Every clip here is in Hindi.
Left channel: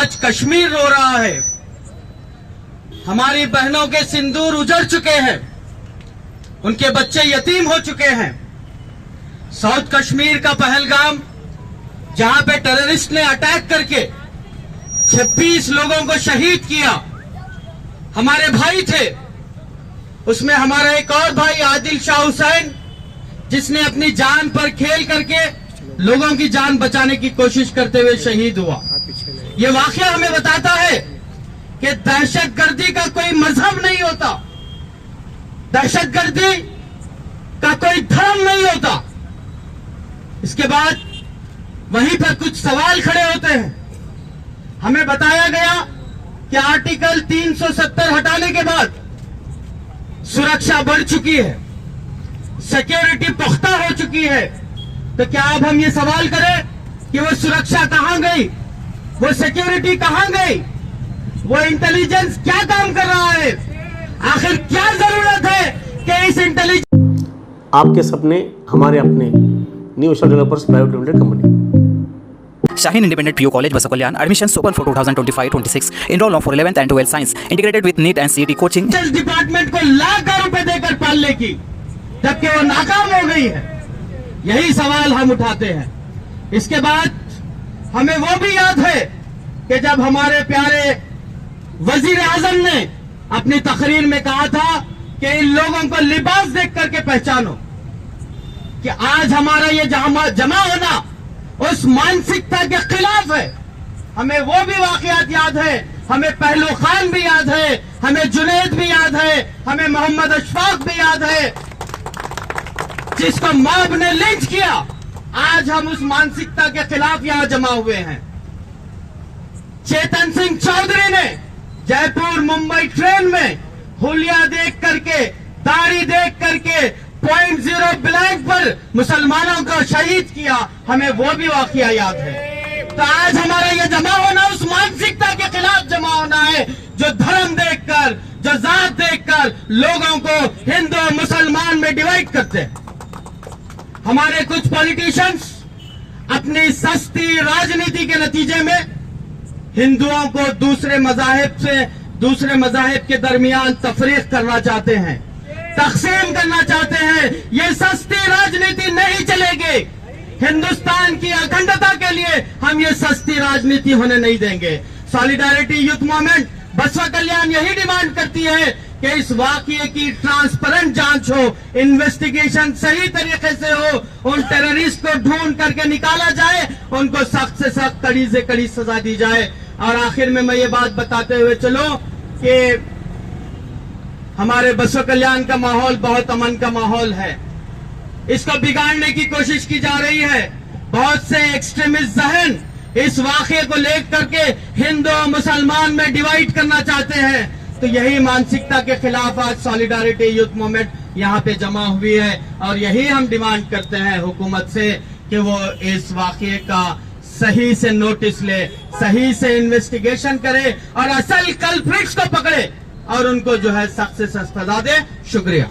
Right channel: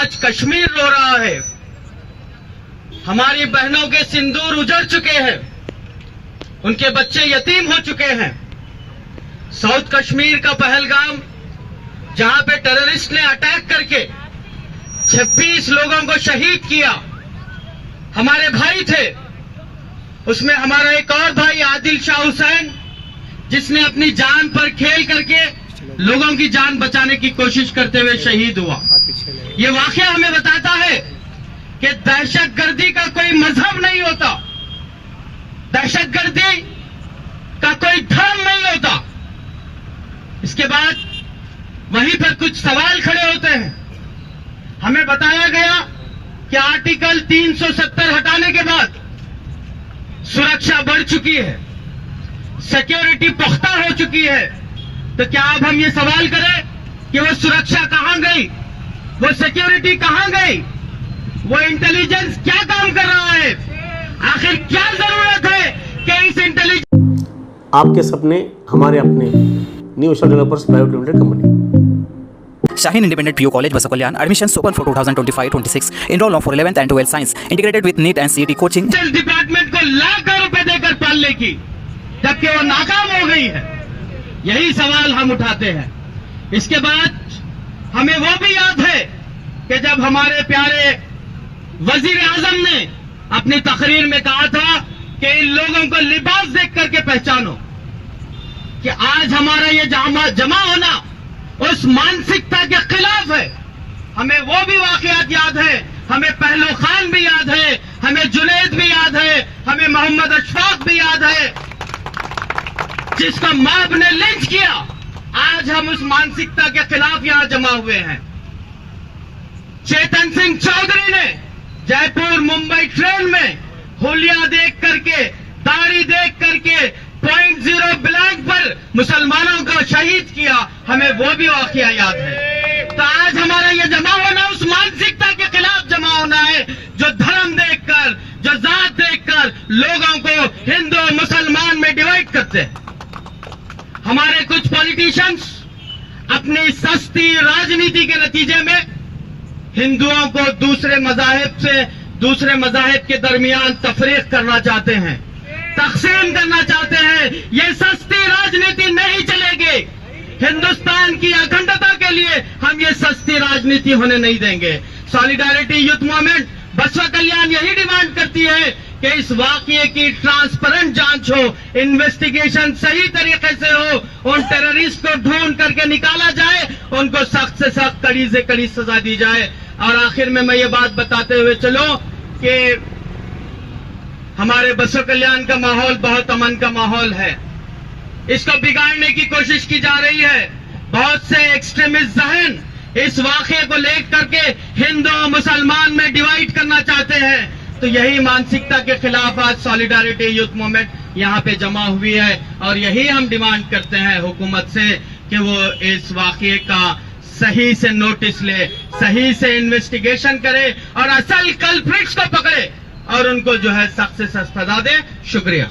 आज कश्मीर रो रहा है, हमारी बहनों के सिंदूर उजड़ चुके हैं, उनके बच्चे यतीम हो चुके हैं। साउथ कश्मीर का पहलगाम, जहां पे टेररिस्ट ने अटैक करके 26 लोगों को शहीद किया, हमारे भाई थे। उसमें हमारा एक और भाई आदिल शाह हुसैन, जिसने अपनी जान पर खेल करके लोगों की जान बचाने की कोशिश करते हुए शहीद हुआ। ये वाकया हमें बताता है कि दहशतगर्दी का कोई मजहब नहीं होता, दहशतगर्दी का कोई धर्म नहीं होता। इसके बाद वहीं पर कुछ सवाल खड़े होते हैं। हमें बताया गया कि आर्टिकल 370 हटाने के बाद सुरक्षा बढ़ चुकी है, सिक्योरिटी पुख्ता हो चुकी है। तो क्या अब हम ये सवाल करें कि वो सुरक्षा कहां गई, वो सिक्योरिटी कहां गई, वो इंटेलिजेंस क्या काम कर रहा है? आखिर क्या जरूरत है कि इस इंटेलिजेंस। आपके सपने हमारे अपने, new Asia developers private limited company. Shaheen Independent PU College, Basakalyan. Admissions open for 2025-26. Enroll now for 11th and 12th Science. Integrated with NEET and CET coaching. Department को लाखों रुपए देकर पालने की, जबकि वो नाकाम हो गई है। यही सवाल हम उठाते हैं। इसके बाद हमें वो भी याद है कि जब हमारे प्यारे वजीर आजम ने अपनी तकरीर में कहा था कि इन लोगों को लिबास देख करके पहचानो, कि आज हमारा ये जमा होना उस मानसिकता के खिलाफ है। हमें वो भी वाकयात याद है, हमें पहलू खान भी याद है, हमें जुनैद भी याद है, हमें मोहम्मद अशफाक भी याद है, जिसको मॉब ने लिंच किया। आज हम उस मानसिकता के खिलाफ यहां जमा हुए हैं। चेतन सिंह चौधरी ने जयपुर मुंबई ट्रेन में हुलिया देख करके, दाढ़ी देख करके 0.0 ब्लैंक पर मुसलमानों को शहीद किया, हमें वो भी वाकया याद है। तो आज हमारा ये जमा होना उस मानसिकता के खिलाफ जमा होना है, जो धर्म देखकर, जो जात देखकर लोगों को हिंदू और मुसलमान में डिवाइड करते हैं। हमारे कुछ पॉलिटिशियंस अपनी सस्ती राजनीति के नतीजे में हिंदुओं को दूसरे मजाहिब से, दूसरे मजाहिब के दरमियान तफरीक करना चाहते हैं, तकसीम करना चाहते हैं। ये सस्ती राजनीति नहीं चलेगी। हिंदुस्तान की अखंडता के लिए हम ये सस्ती राजनीति होने नहीं देंगे। सॉलिडारिटी यूथ मूवमेंट बसवा कल्याण यही डिमांड करती है कि इस वाकये की ट्रांसपेरेंट जांच हो, इन्वेस्टिगेशन सही तरीके से हो, उन टेररिस्ट को ढूंढ करके निकाला जाए, उनको सख्त से सख्त, कड़ी से कड़ी सजा दी जाए। और आखिर में मैं ये बात बताते हुए चलो कि हमारे बसवा कल्याण का माहौल बहुत अमन का माहौल है। इसको बिगाड़ने की कोशिश की जा रही है। बहुत से एक्सट्रीमिस्ट जहन इस वाकये को लेकर के हिंदू और मुसलमान में डिवाइड करना चाहते हैं। तो यही मानसिकता के खिलाफ आज सॉलिडारिटी यूथ मूवमेंट यहाँ पे जमा हुई है, और यही हम डिमांड करते हैं हुकूमत से कि वो इस वाकये का सही से नोटिस ले, सही से इन्वेस्टिगेशन करे और असल कल्प्रिट्स को पकड़े और उनको जो है सख्त से सख्त सजा दे। शुक्रिया।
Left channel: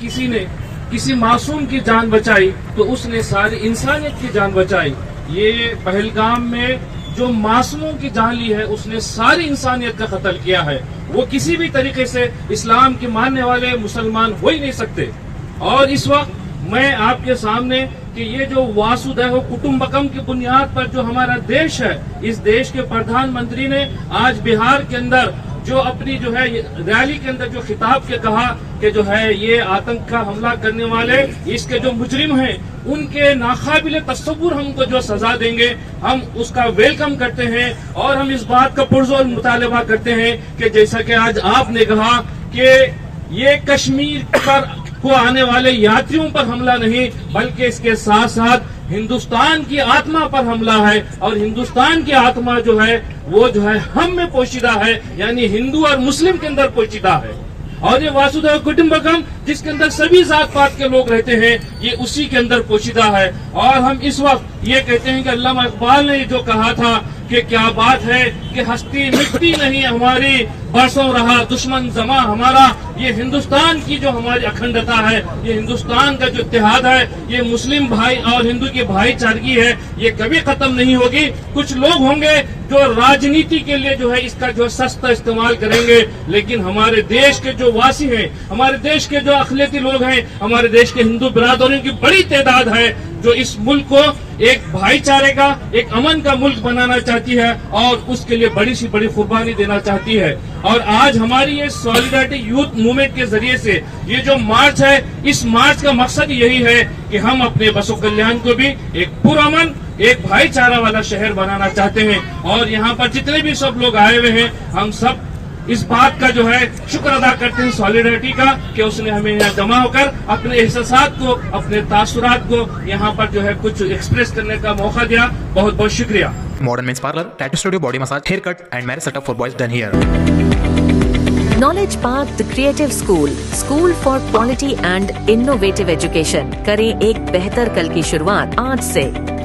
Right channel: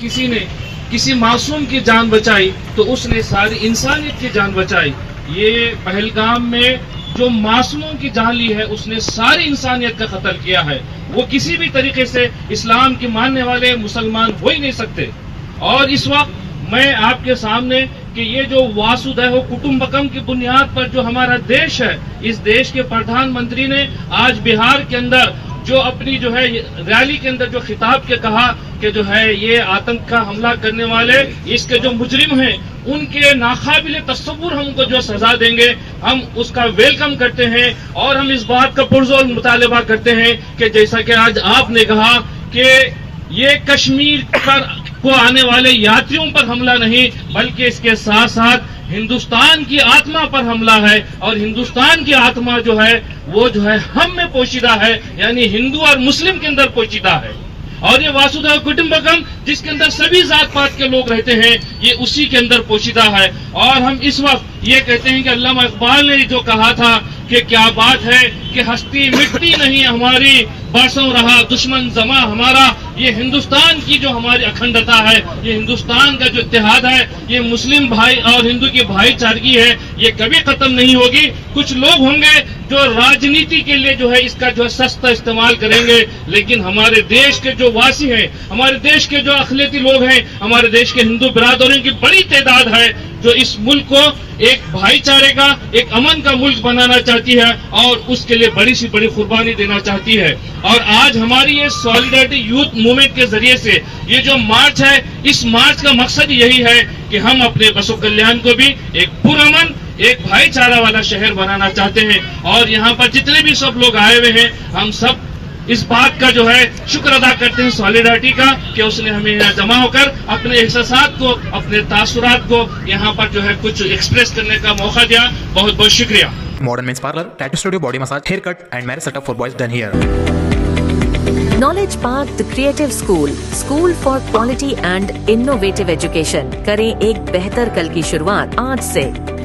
किसी ने किसी मासूम की जान बचाई तो उसने सारी इंसानियत की जान बचाई। ये पहलगाम में जो मासूमों की जान ली है, उसने सारी इंसानियत का कत्ल किया है। वो किसी भी तरीके से इस्लाम के मानने वाले मुसलमान हो ही नहीं सकते। और इस वक्त मैं आपके सामने कि ये जो वासुदैव कुटुंबकम की बुनियाद पर जो हमारा देश है, इस देश के प्रधानमंत्री ने आज बिहार के अंदर जो अपनी जो है रैली के अंदर जो खिताब के कहा कि जो है ये आतंक का हमला करने वाले, इसके जो मुजरिम हैं, उनके नाकाबिले तस्वुर हमको जो सजा देंगे, हम उसका वेलकम करते हैं। और हम इस बात का पुरजोर मुतालबा करते हैं कि जैसा कि आज आपने कहा कि ये कश्मीर पर को आने वाले यात्रियों पर हमला नहीं, बल्कि इसके साथ साथ हिंदुस्तान की आत्मा पर हमला है। और हिंदुस्तान की आत्मा जो है वो जो है हम में पोशीदा है, यानी हिंदू और मुस्लिम के अंदर पोशीदा है। और ये वासुदेव कुटुंबकम जिसके अंदर सभी जात पात के लोग रहते हैं, ये उसी के अंदर पोशीदा है। और हम इस वक्त ये कहते हैं कि अल्लामा इकबाल ने जो कहा था कि क्या बात है कि हस्ती मिट्टी नहीं हमारी, बरसों रहा दुश्मन जमा हमारा। ये हिंदुस्तान की जो हमारी अखंडता है, ये हिंदुस्तान का जो इत्तेहाद है, ये मुस्लिम भाई और हिंदू की भाईचारगी है, ये कभी खत्म नहीं होगी। कुछ लोग होंगे जो राजनीति के लिए जो है इसका जो सस्ता इस्तेमाल करेंगे, लेकिन हमारे देश के जो वासी हैं, हमारे देश के जो अखिलती लोग हैं, हमारे देश के हिंदू बिरादरों की बड़ी तादाद है जो इस मुल्क को एक भाईचारे का, एक अमन का मुल्क बनाना चाहती है और उसके लिए बड़ी सी बड़ी कुर्बानी देना चाहती है। और आज हमारी ये सॉलिडारिटी यूथ मूवमेंट के जरिए से ये जो मार्च है, इस मार्च का मकसद यही है कि हम अपने बसो कल्याण को भी एक पुरअमन, एक भाईचारा वाला शहर बनाना चाहते हैं। और यहाँ पर जितने भी सब लोग आए हुए हैं, हम सब इस बात का जो है शुक्र अदा करते हैं सॉलिडारिटी का कि उसने हमें यहाँ जमा होकर अपने एहसासात को, अपने तासुरात को यहाँ पर जो है कुछ एक्सप्रेस करने का मौका दिया। बहुत बहुत शुक्रिया। Modern Men's Parlor, Tattoo Studio, Body Massage, Haircut and Marriage Setup for boys done here. Knowledge Park, the Creative School, School for Quality and Innovative Education। करें एक बेहतर कल की शुरुआत आज से।